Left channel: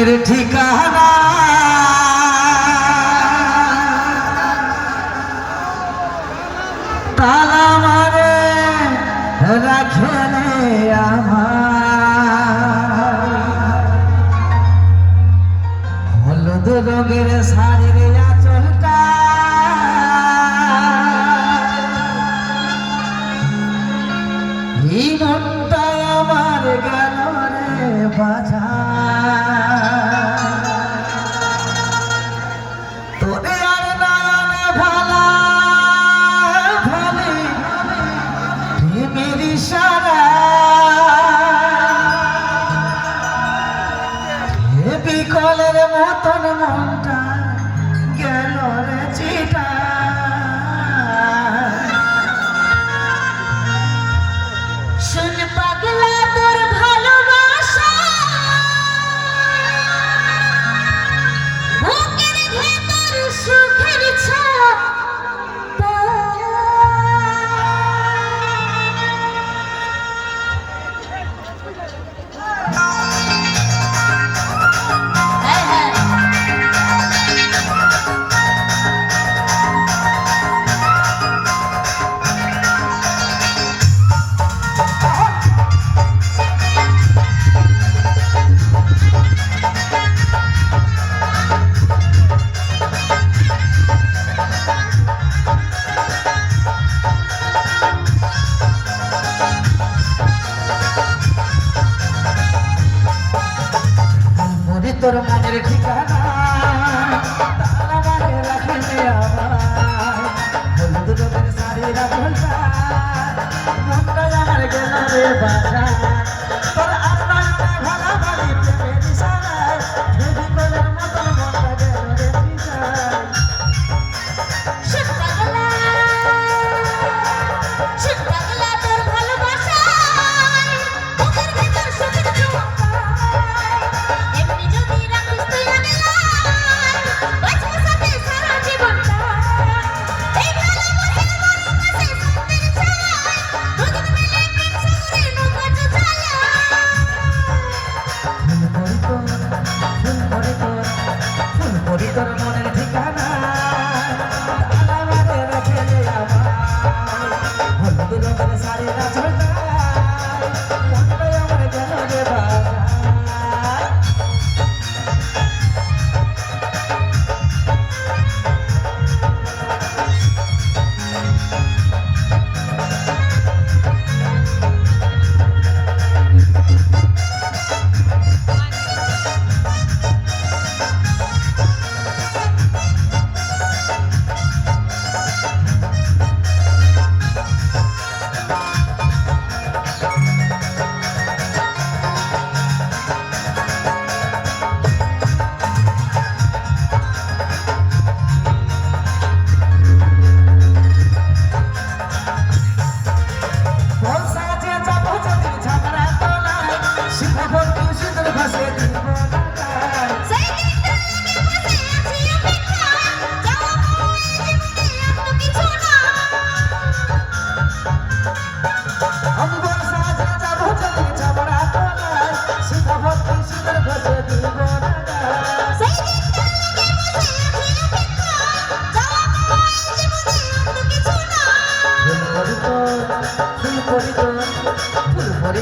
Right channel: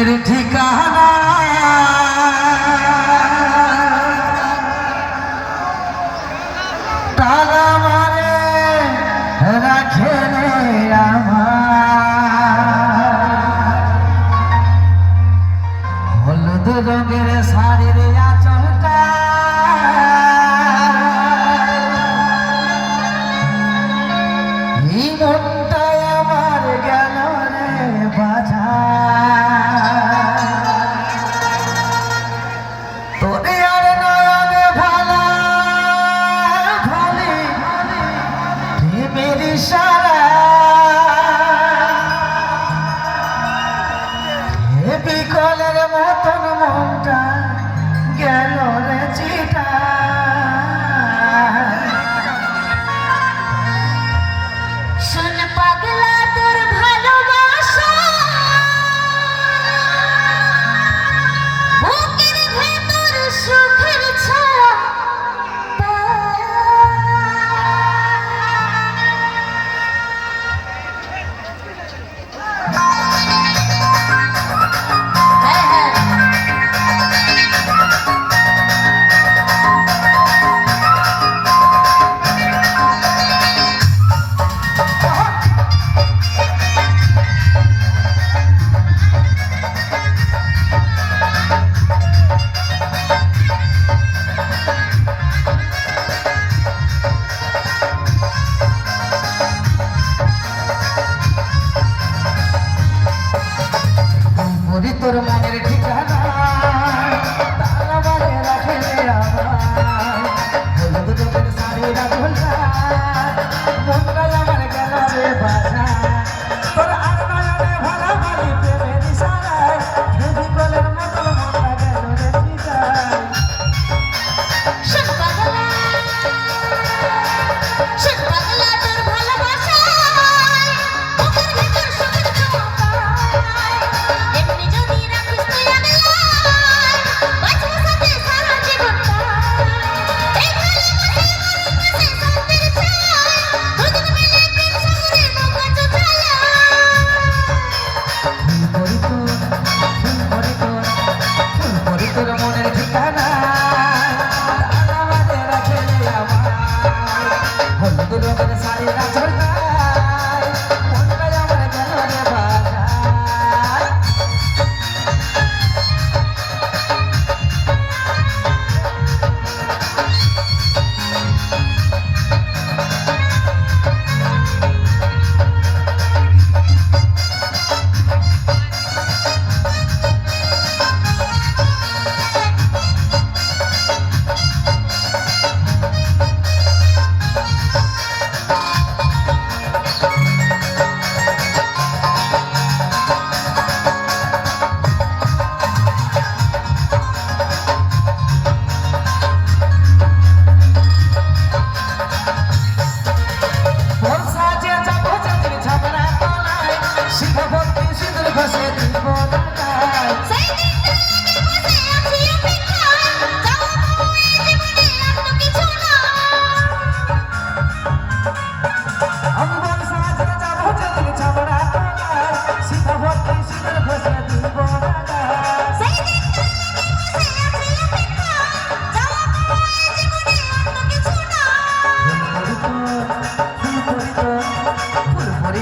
মনের ঠিকানা তালা মারে রাখে রে আমার হলুদ রঙের শাড়ির আঁচলটা এই মনটাই আমার গেল রে বাজা তোরে আর নয়নে ভালা ভালে প্রেমের ইশারা বিকলের মতন মনটা গেল রে চিটা শুন পাগলা তোর ভালোবাসা বুকের ভেতর সুখের ছায়া তোর মনের ঠিকানা তালা মারে রাখে রে আমার হলুদ রঙের শাড়ির আঁচলটা মনটাই আমার গেল রে বাজা তোর আর নয়নে ভালা ভালি প্রেমের ইশারায় বিকলের মতন মনটা গেল রে চিটায় শুন পাগলা তোর ভালোবাসা বুকের ভেতর সুখের ছায়া এমনি যদি রাখিস তুই আগলায় বাঁচবো সাথে সারা জীবনটা এই ভালোবাসার মরণ মাঝে শান্তির ছায়া দুজন মিলে প্রেম সাগরে নৌকা চলায় ফুল করি তোর মনের ঠিকানা তালা মারে রাখে রে আমার হলুদ রঙের শাড়ির আঁচলটা মনটাই আমার গেল রে বাজা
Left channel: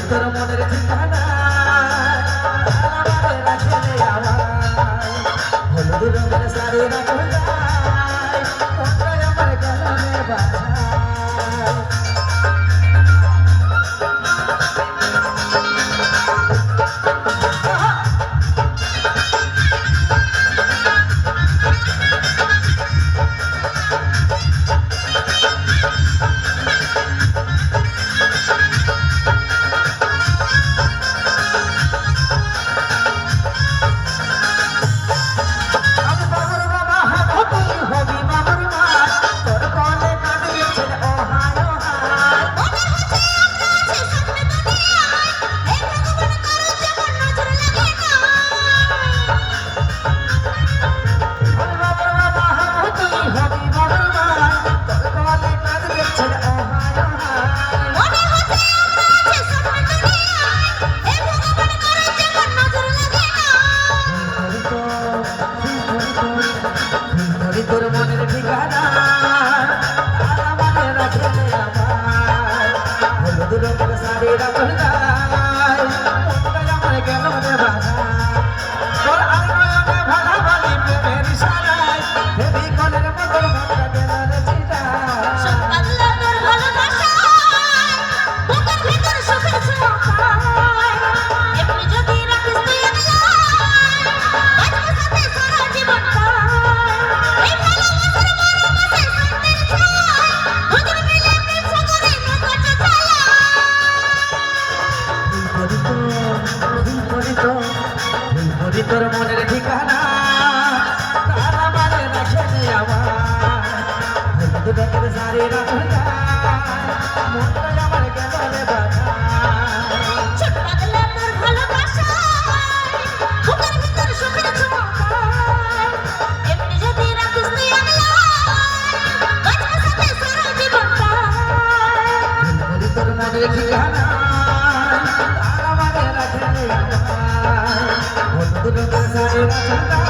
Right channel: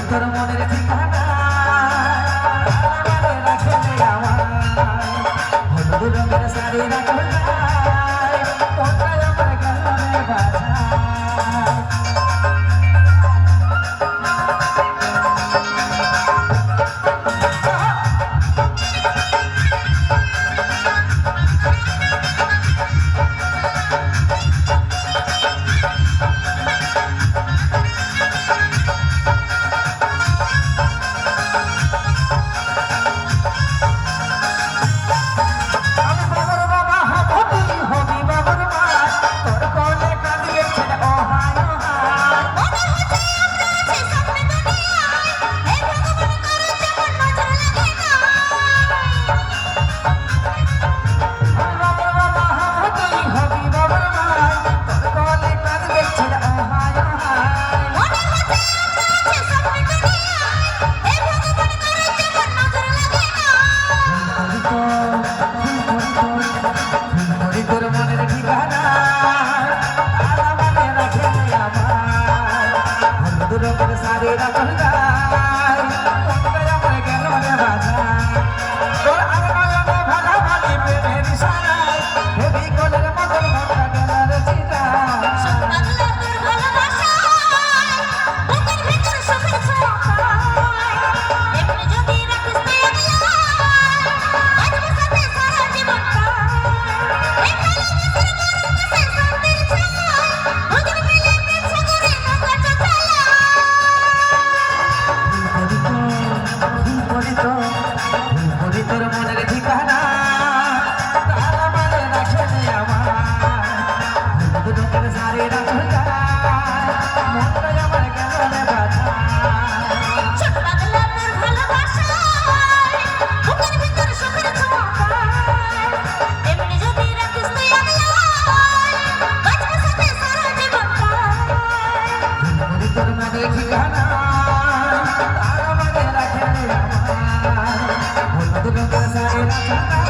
তোর মনের ঠিকানা রাখে রে আমার হলুদ রঙের শাড়ির আঁচলটা মনটাই আমার গেল রে বাজা তোর মনের ঠিকানা তারা মানে রাখে আমার হলুদ রঙের শাড়ি রাখল গায় মনটাই আমার গেল রে বাধা তোর আঙালে ভাঙা ভাঙি প্রেমের ইশারায় হেবি কলের মতন মনটা গেল রে চিটা পাগলা তোর ভালোবাসায় বুকের ভিতর সুখের ছোঁয়া পায় এমনি যদি রাখিস তুই একলা বাঁচবো সাথে সারা জীবনটায় এই ভালোবাসার মরমে শান্তির ছায়া বুকের মিলে প্রেম সাগরে নৌকা চালায় তোর মনের ঠিকানা তারা মানে রাখে আমার হলুদ রঙের শাড়ি রাখল গায় মনটাই আমার গেল রে বাধা ছোট পাগলা তোর ভালোবাসায় বুকের ভিতর সুখের ছোঁয়া পায় এমনি যদি রাখিস তুই একলা বাঁচবো সাথে সারা জীবনটায় তোর মনের ঠিকানা তারা মানে রাখে আমার হলুদ রঙের শাড়ি রাখল